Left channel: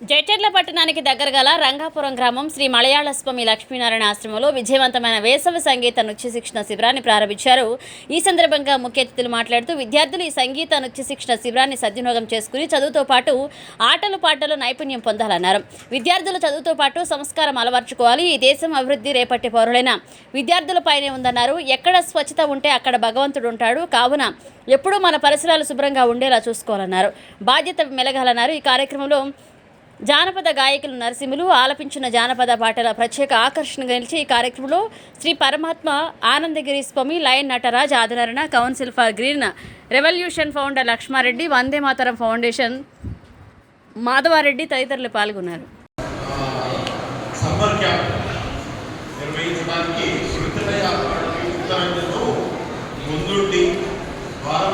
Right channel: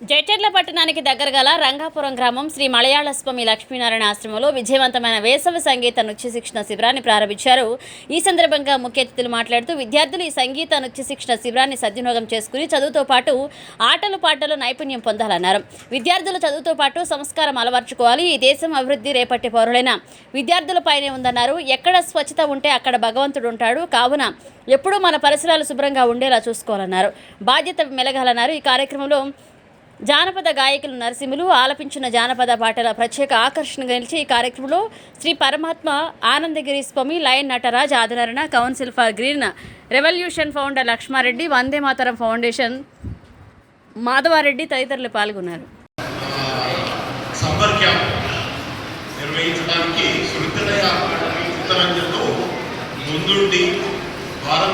జైచర్ల పట్టణానికి దగ్గరగల రంగాపురం గ్రామం శ్రీ మలయాళ స్వామి లక్ష్మీనారాయణ ఆశ్రమంలో విజయవంతమైన వేసవి సంగీత నృత్య శిక్షణ శిబిరాన్ని ప్రారంభించారు. ఈ సందర్భంగా ముఖ్య అతిథులు మాట్లాడుతూ విద్యార్థులు ఈ సంగీత నృత్య శిక్షణ శిబిరాన్ని సద్వినియోగం చేసుకుని చదువుతో పాటు ఆటలు పాటలు నైపుణ్యం పొందాలన్నారు. విద్యార్థులు చదువుతో పాటు సంస్కారం అలవర్చుకోవాలి. ఈ దేశం అభివృద్ధి రేపటి పౌరులైన విద్యార్థులపైనే ఉందన్నారు. ఎక్కడ స్వచ్ఛత ఉంటే అక్కడ భగవంతుడు ఉంటాడు. కావున ఎప్పుడూ మన పరిసరాలు శుభ్రంగా ఉండేలా చూసుకోవాలన్నారు. బాధ్యత మెలగాలన్నారు. ఈ కార్యక్రమంలో జానపద గాయకులు నరసింహులు ఆలపించిన జానపద పాటల ప్రత్యేక ఆకర్షణగా నిలిచి ఈ కార్యక్రమంలో శ్రీ పరమాత్మ ఆనందగిరి స్వామి లయన్ నటరాజ్ ఆదరణ council for green revolution founder Lakshmareddy Vande Mataram foundation Madhavareddy తదితరులు పాల్గొన్నారు. ముందుండి భారం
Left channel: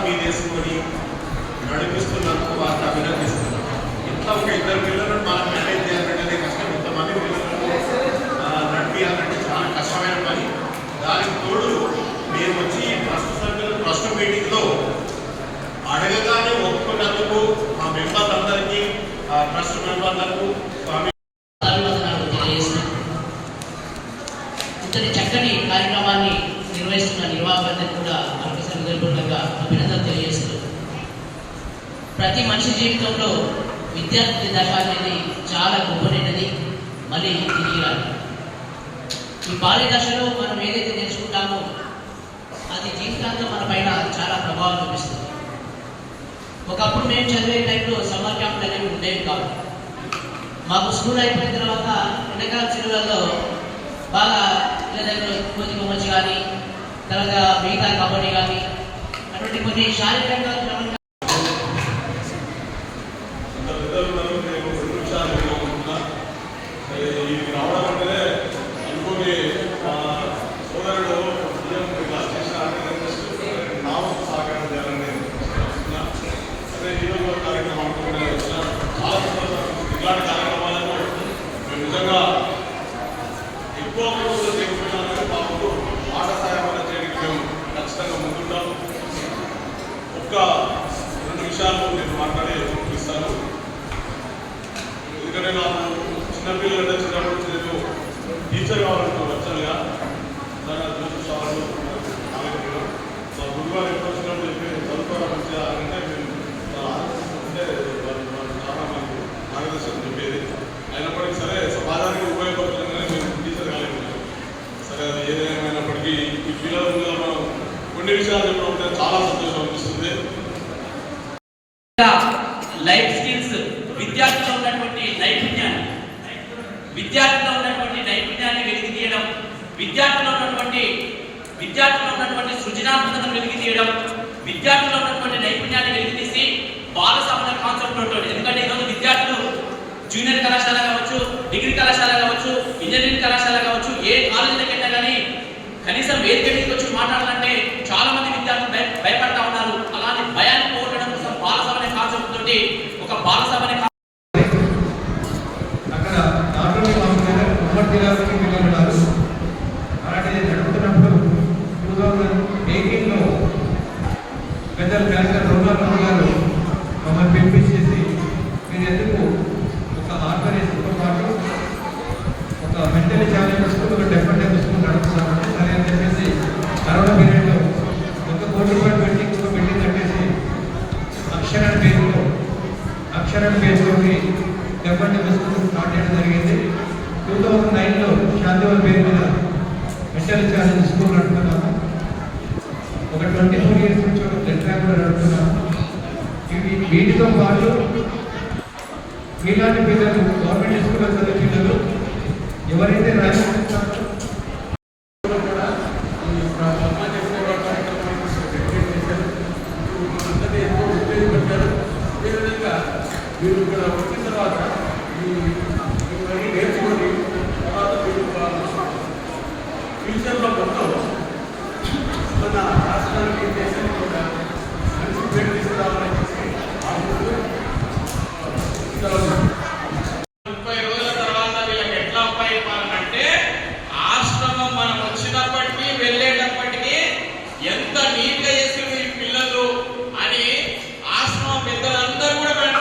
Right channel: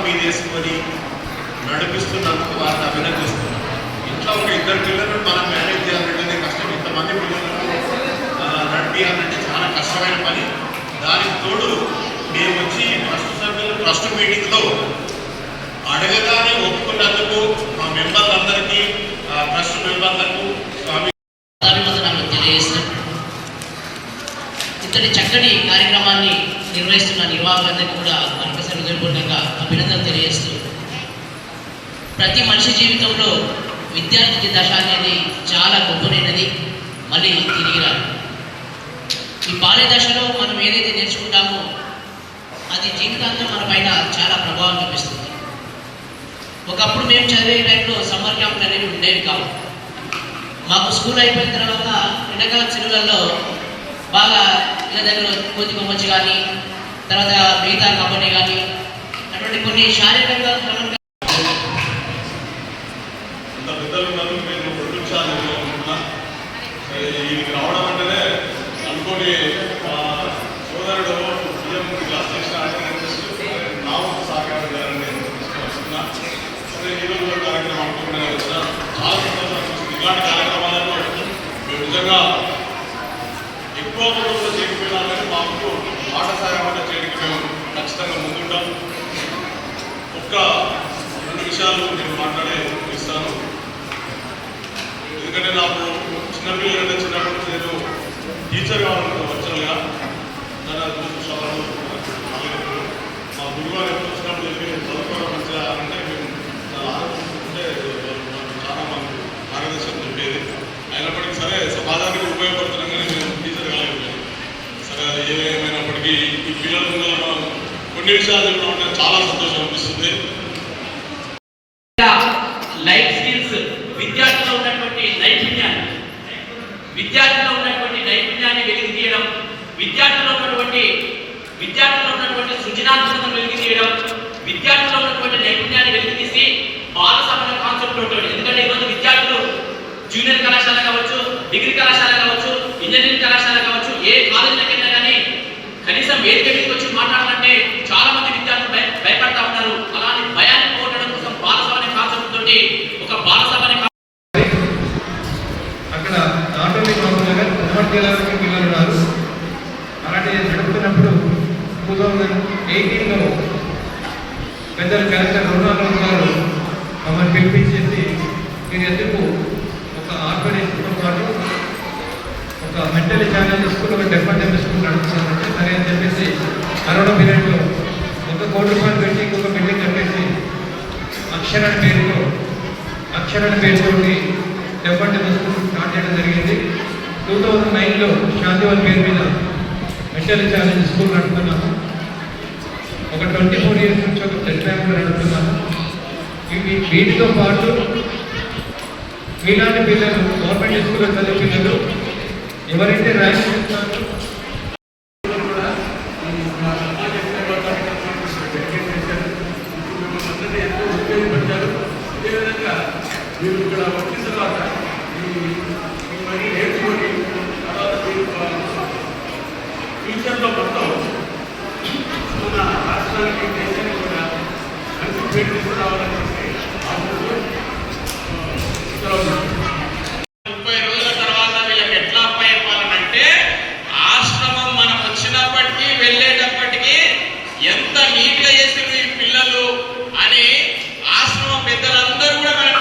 నడిపిస్తున్నందుకు వారిని అభినందిస్తున్నాం ఇంట్లో ఒక ఇద్దరు పిల్లలు మనం మెయింటైన్ చేయాలంటే కష్టం. ఇంతమంది పిల్లలను చాలా కష్టమైన పని. దానికి తోడు మేము వచ్చి ట్రస్ట్ సభ్యులు ట్రస్ట్ మీటింగ్లో అడగగానే ఒప్పుకున్నందుకు మా మెంబర్లందరికీ ఆ ట్రస్ట్ మెంబర్లకు ఇంతటి చక్కని కార్యక్రమాన్ని నిర్వహిస్తున్న నిర్వాహకులందరికీ కూడా మరొకసారి హృదయపూర్వకంగా అభినందనలు తెలియజేస్తూ ప్రతి మనిషి జీవితంలో విద్యార్థి దశ అనేది చాలా గొప్పనైనది మళ్ళీ తిరిగి రాదు. ఈ బాల్య దశలో మనం ఏదైతే నేర్చుకుంటామో అది జీవితాంతం మన పైన చాలా ప్రభావం చూపిస్తుంది. ఒకప్పుడు మేము చదివే టైంలో సమ్మర్ క్యాంపులు అనేవి ఉండేవి కావు. మాకు స్కూల్ అయిపోయిన తర్వాత ఎండాకాలం సెలవులలో బాగా ఇళ్ళ దగ్గర కోతి కొమ్మచ్చి కానీ తర్వాత మిగతా కబడ్డీ కానీ అటువంటి కొన్ని శారీరకంగా క్రమంగా ఇంత పెద్దలు ఉన్నారు నేను రెండు నిమిషాలు అనుకుంటున్నా సరే ఈయనకి రావడం అంటేనే అనుకోని మా సోదరుడు బియ్యం క్లాస్ చేసిన నా వంతు సహకారం చేయాలని నేను వస్తున్నా సరే ఈరోజు కూడా కార్యక్రమం అనుకోకుండా వచ్చిన చాలా సంతోషం అనిపిస్తుంది ఇలాంటి కార్యక్రమాలలో మేము నిజంగా ఎక్కువ రోజులు చేయకపోయినా కానీ మాకు మాట సహాయం చేయడానికి మేము ఖచ్చితంగా ముందుంటాం. ఒక్క రెండు విషయాలు నేను మాట్లాడే ఇస్తాను. ఎందుకంటే నాకు చిన్నపిల్లలంటే చిన్నప్పటి నుంచి నేను టీచర్ కావాలని వచ్చానుగా మన దురదృష్టవశాలు మా గురువు ఎప్పుడు వచ్చినప్పుడు చెప్పి నేను చదువుకోవడం మంచిగా అంటే మేము చాలా ఆలోచిస్తుంటే వాళ్ళు నాకు చాలా మాకు మార్గదర్శనం చెప్పేది అయినప్పటికీ సరే సమాజానికి ఉపయోగపడుతున్నామని నేను టీచర్ కాలేదు సరే అది ఏమైనప్పటికీ ఈ పిల్లల ముందు మనం కొన్ని విషయాలు చాలా సంతోషం అనిపిస్తుంది. లైఫ్ స్కిల్స్ విద్యార్థిలో ఉన్నటువంటి నైపుణ్యాన్ని విద్యార్థిలో ఉన్నటువంటి నైపుణ్యాన్ని వెలికి తీయడం విద్యార్థిలో ఉన్నటువంటి విద్యార్థిలో ఉన్నటువంటి సృజనాత్మకతను వెలికి తీయడం విద్యార్థిలో ఉన్నటువంటి నైపుణ్యాన్ని వెలికి తీసి బాల సమాన కాన్సెప్ట్ ఉంటుంది ఎందుకంటే ఈరోజు విద్యార్థులు జూనియర్ కళాశాల కావచ్చు డిగ్రీ కళాశాల కావచ్చు ఇంజనీరింగ్ కళాశాల కావచ్చు ఏ కాలేజీలకు కానీ కనీసం వేదిక మీదకి వచ్చి మాట్లాడాలంటే చాలా మంది విద్యార్థులు భయ భయపడతా ఉన్నారు అలాంటి భయాన్ని పోగొట్టడం కోసం బాలసభ అనే కాన్సెప్ట్ తోటి ఒక బాలసభ అనే అక్కడ నాట్ ఓన్లీ కౌన్సిల్ దగ్గర ఉమ్మడి జిల్లాలోకి పిల్లలు ఉన్నారు అలాంటి నడుపుతున్నప్పుడు టూ థౌజండ్ ఎయిటీన్లో పెద్దలు కలెక్టర్ రఘునాథరావు గారు మమ్మల్ని పిలిపించేసి మీరు ఎందుకు ఒక ఆర్గనైజ్తో పాటు ఒక మెంటల్ ఛాలెంజ్ స్కూల్ ఒక డెఫినెట్ స్కూల్ నడుపుతున్నారంటే సరే అని చెప్పేసి కరోనా పీరియడ్లో ఒక కోటి రూపాయలు పెట్టి ఇంకొక బిల్డింగ్ కట్టేసి అక్షరాన్ని పేరుతో అక్షరాన్ని పేరుతోటి డెఫినెట్ స్కూల్ స్టార్ట్ చేయడం జరిగింది. టూ థౌజండ్ నైన్లో శాంతివల్ పేరు మీద మెంటల్ ఛాలెంజ్ స్కూల్ నడుపుతున్నాము ఒక ట్వంటీ ఫోర్ ఇయర్స్ నుంచి ఒక బ్లడ్ బ్యాంక్ నడుపుతున్నాము ఇవి వీటితో పాటు మీలాంటి పిల్లలు గవర్నమెంట్ స్కూల్లో చదివే పిల్లలు ఎవరైతే ర్యాంక్ చేస్తారో ఈ మీరు ఇక్కడ వచ్చిన తర్వాత నేర్చుకొని ముప్పై రోజుల తర్వాత వీళ్ళకి ఎట్లా అప్పయ్యాలంటే ఆశ్రమం మనం వచ్చినప్పటికీ వెళ్ళేటప్పటికీ ఎంత నీట్గా చేసిన ఈ పిల్లలు అని ఆశ్రమం పెద్దలందరూ కూడా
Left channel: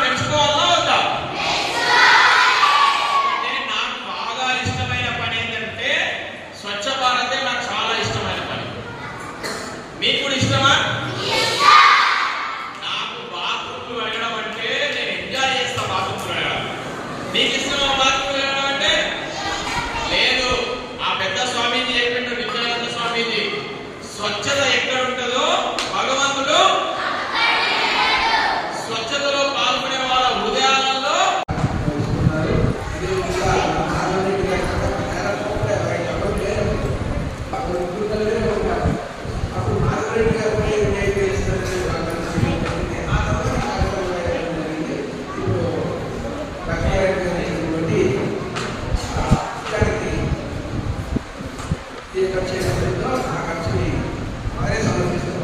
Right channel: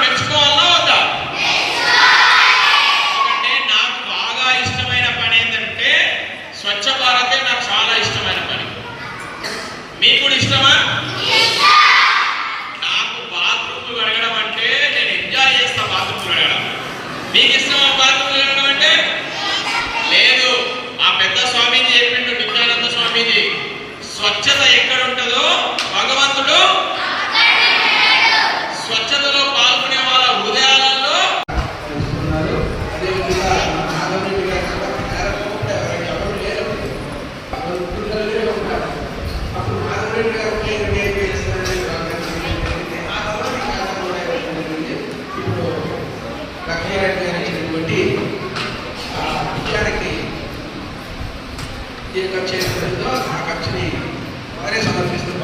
మీకు కూడా ఇష్టమా? నాకు బాత్రూమ్ వెళ్ళడం అంటే నేను ఎంజాయ్ చేస్తా బాత్రూమ్ వెళ్ళడం మీకు ఇష్టమా బాత్రూమ్ వెళ్ళడం అంటే? లేదు. ఆ పెద్ద స్వామీజీ చెప్పిండు విజ్ఞానంద స్వామీజీ స్వచ్ఛత ఎక్కడ ఉంటుంది? ఈ ఖర్చు చేసినందుకు ఆ ఖర్చుని వారే సమర్పిస్తున్నారు.